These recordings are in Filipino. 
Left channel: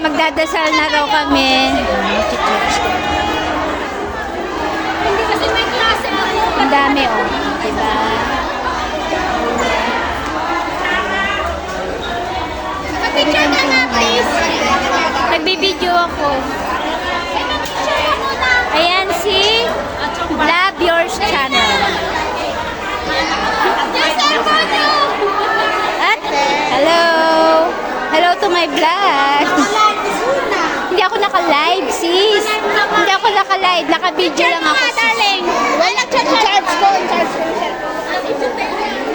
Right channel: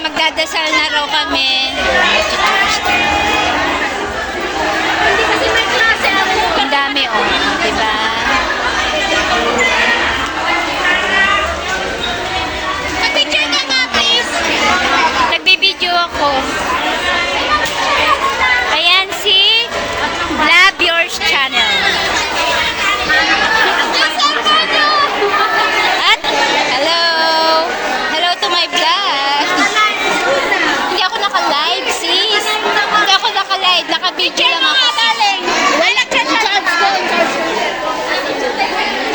magdadasal na raw kami. Hindi kasi may klase ako. Ang dami, oh. Diba? Picture ka nga, please. Nagbibideo ako. Ayan si Love Yours Channel. At, hello! Hello to my vlog. Hindi ako naka-live, sis. Hindi ako naka-live. Naka-video lang ako, sis. Wala, charge ko.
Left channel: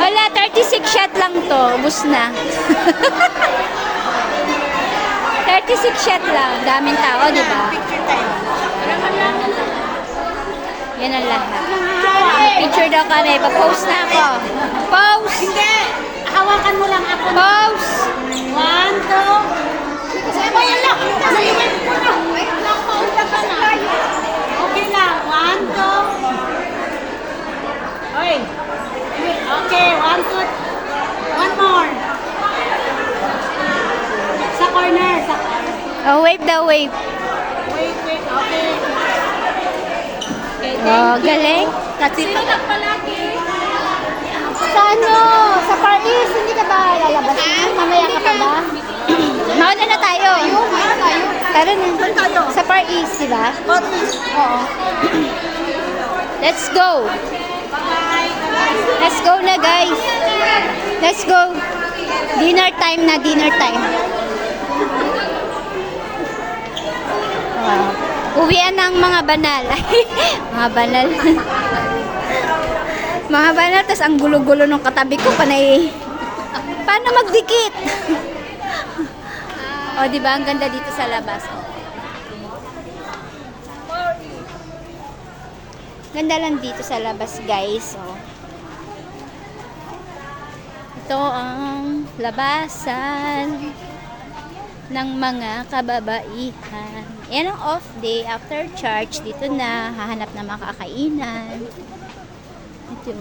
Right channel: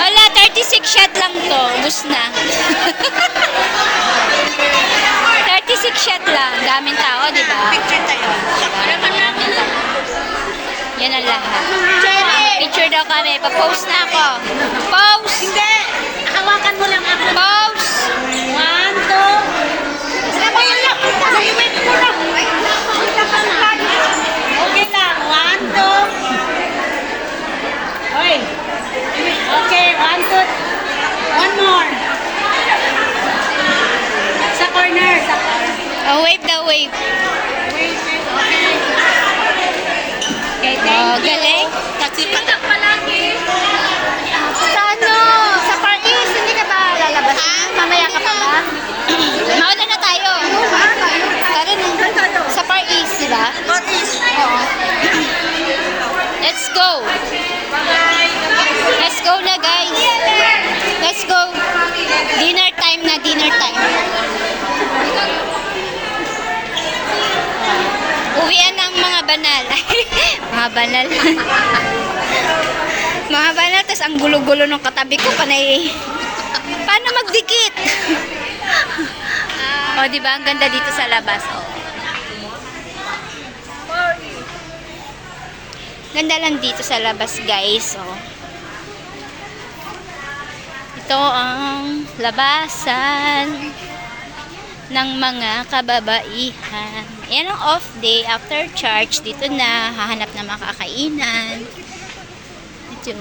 Wala, 36 shot lang to. Ubus na. 36 shot lang. Daming tao, di ba? Picture tayo. Yan ang lahat. Picture daw kami. Pa-post na ako. Post! Hindi. Hawakan mo lang ako. Post! 1, 2. Sama yan lang. Iwin mo na. Okay na. 1, 2. Oy. Okay. 1, 2. One more. Sa corner. Oh, wave daw, wave. Okay, Oh, galing. Kasi palagi. Sa ano? Sa Far East, hindi ka ba lalabas? Mamaya ka pa ba? Mauna na tayo. Tara na. Sa Far East, di ba? Oo. Let's go. Let's go na, guys. Let's go. Dinner time na, dinner time. Uwian ng mga banal. Mga banal. Mga banal, tas ang gulo-gulo ng katabi ko, panay. Paano magdikit? O, di ba? Ang ganda dito sa labas. O. Ganda lang dito sa labas, guys. O. Ito ang labasan ng mga kababaihan. Yan ang off day after church. Dito na, hahanap na makakainan. Ito.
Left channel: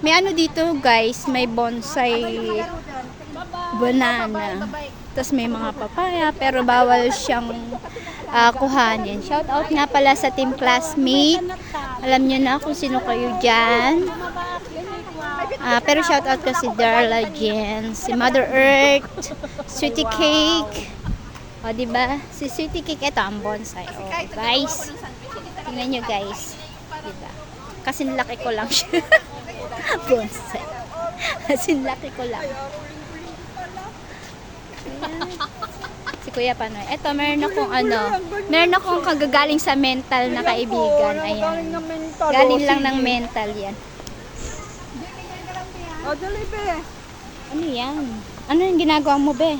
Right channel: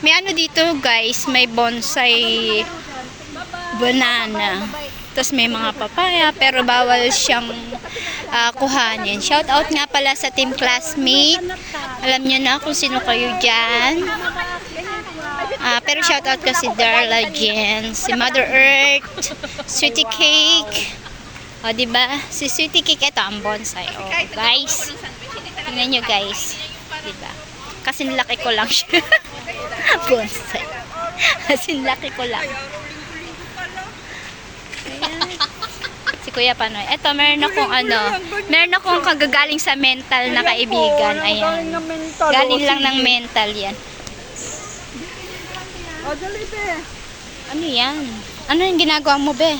May ano dito, guys, may bonsai banana. Tapos may mga papaya, pero bawal siyang kuhanin. Shout out nga pala sa team classmate. Alam niyo na kung sino kayo dyan. Pero shoutout ko si Darla Jen, si Mother Earth, Sweetie Cake. O, diba? Si Sweetie Cake, ito ang bonsai. O, guys. Tingnan nyo, guys. Diba? Kasi nilaki ko lang siya. Bonsai. Kasi nilaki ko lang. Ayan. Si Kuya Panoy. Ito, meron akong kagagaling sa mental na kaibigan. Ayan. Galing lang ng mental yan. O, dali, be. Ano yan? Ano yung ginagawa mo, be?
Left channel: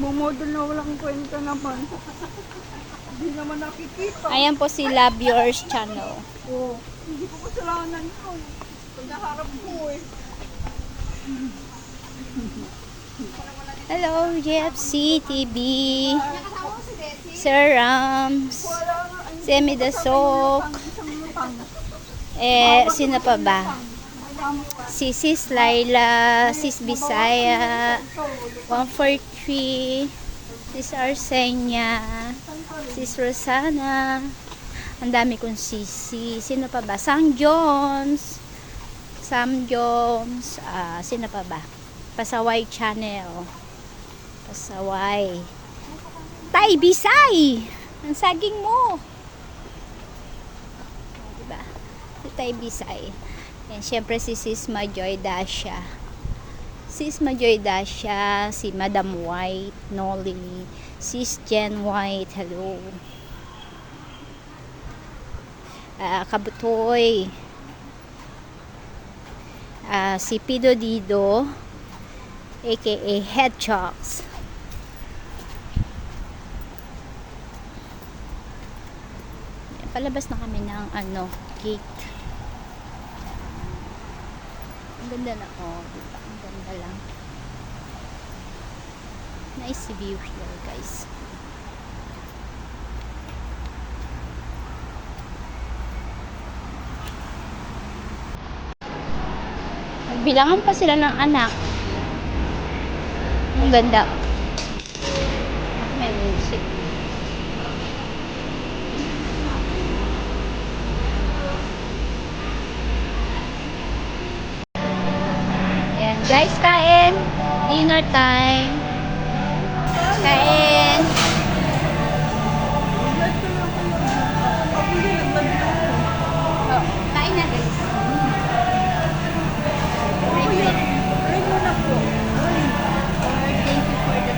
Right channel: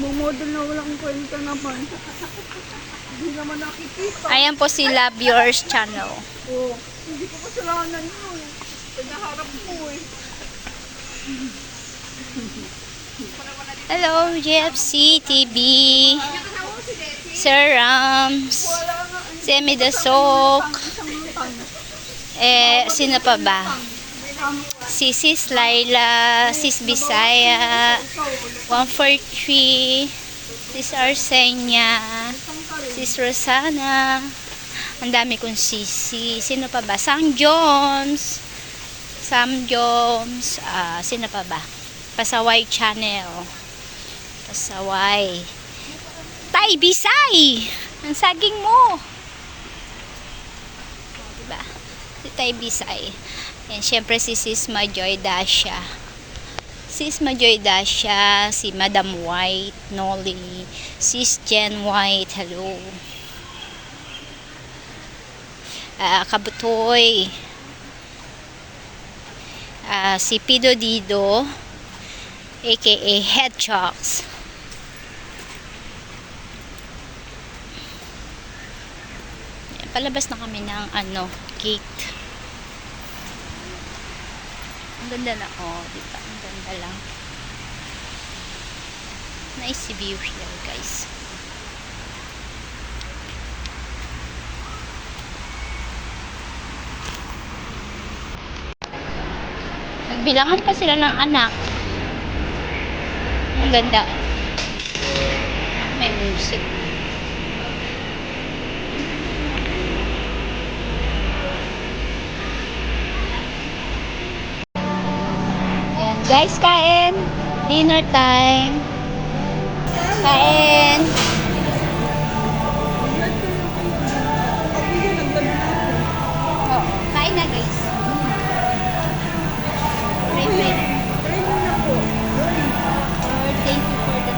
Bumodel na walang kwenta naman. Hindi naman nakikita. Ayan po si Love Yours Channel. Oo. Hindi ko kasalanan yun. Pinaharap mo eh. Hello, GFC TV. Sir Rams. Si Emi Dasok. Sino pa ba? Si Sis Laila, Sis Bisaya, 143, Sis Arsenia, Sis Rosana. Ang dami kong sisi. Sino pa ba? Sam Jones. Sino pa ba? Pasaway Channel. Pasaway. Tay Bisay! Ang saging mo. Diba? Si Tay Bisay. Yan, syempre si Sis Majoy Dasha. Sis Majoy Dasha, si Madam White, Nolly, Sis Jen White, hello. Kabutoy. Si Pido Dido, aka Hedgehogs. Yan, palabas na kami ng gate. Ang ganda na, diba? Ang ganda lang. Nice view here, guys. Nagbilangan pa sila ng anak. Ang ganda. May music. Ayan, guys, kain. Dinner time. Kain. Oh, kain na, guys. Wait, wait. Lord, thank you for the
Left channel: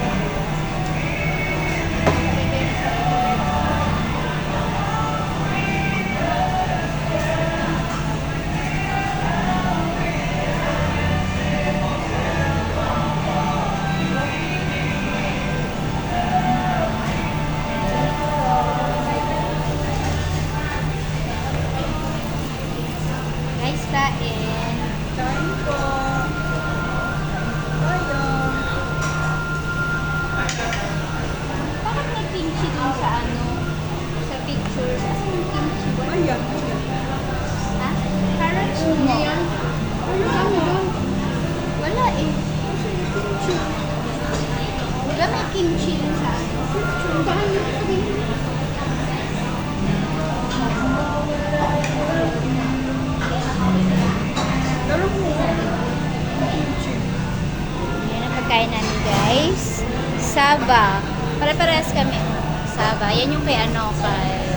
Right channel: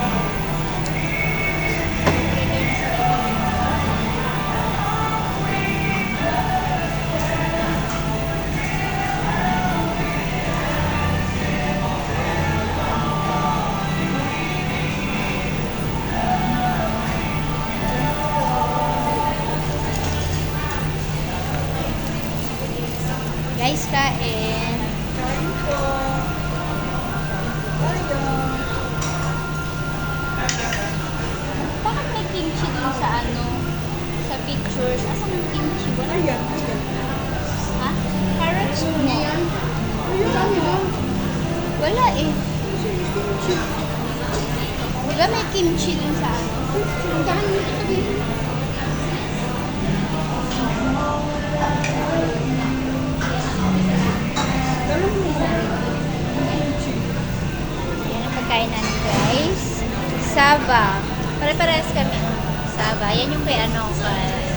guys, kain. Bakit may kimchi dun sa ano? Sa pictures? Asan yung kimchi? Ha? Carrots mo? Wala eh. Wala may kimchi dun sa ano? Yan ang pagkain namin, guys. Saba. Pare-parehas kami. Saba. Yan yung kay ano, kay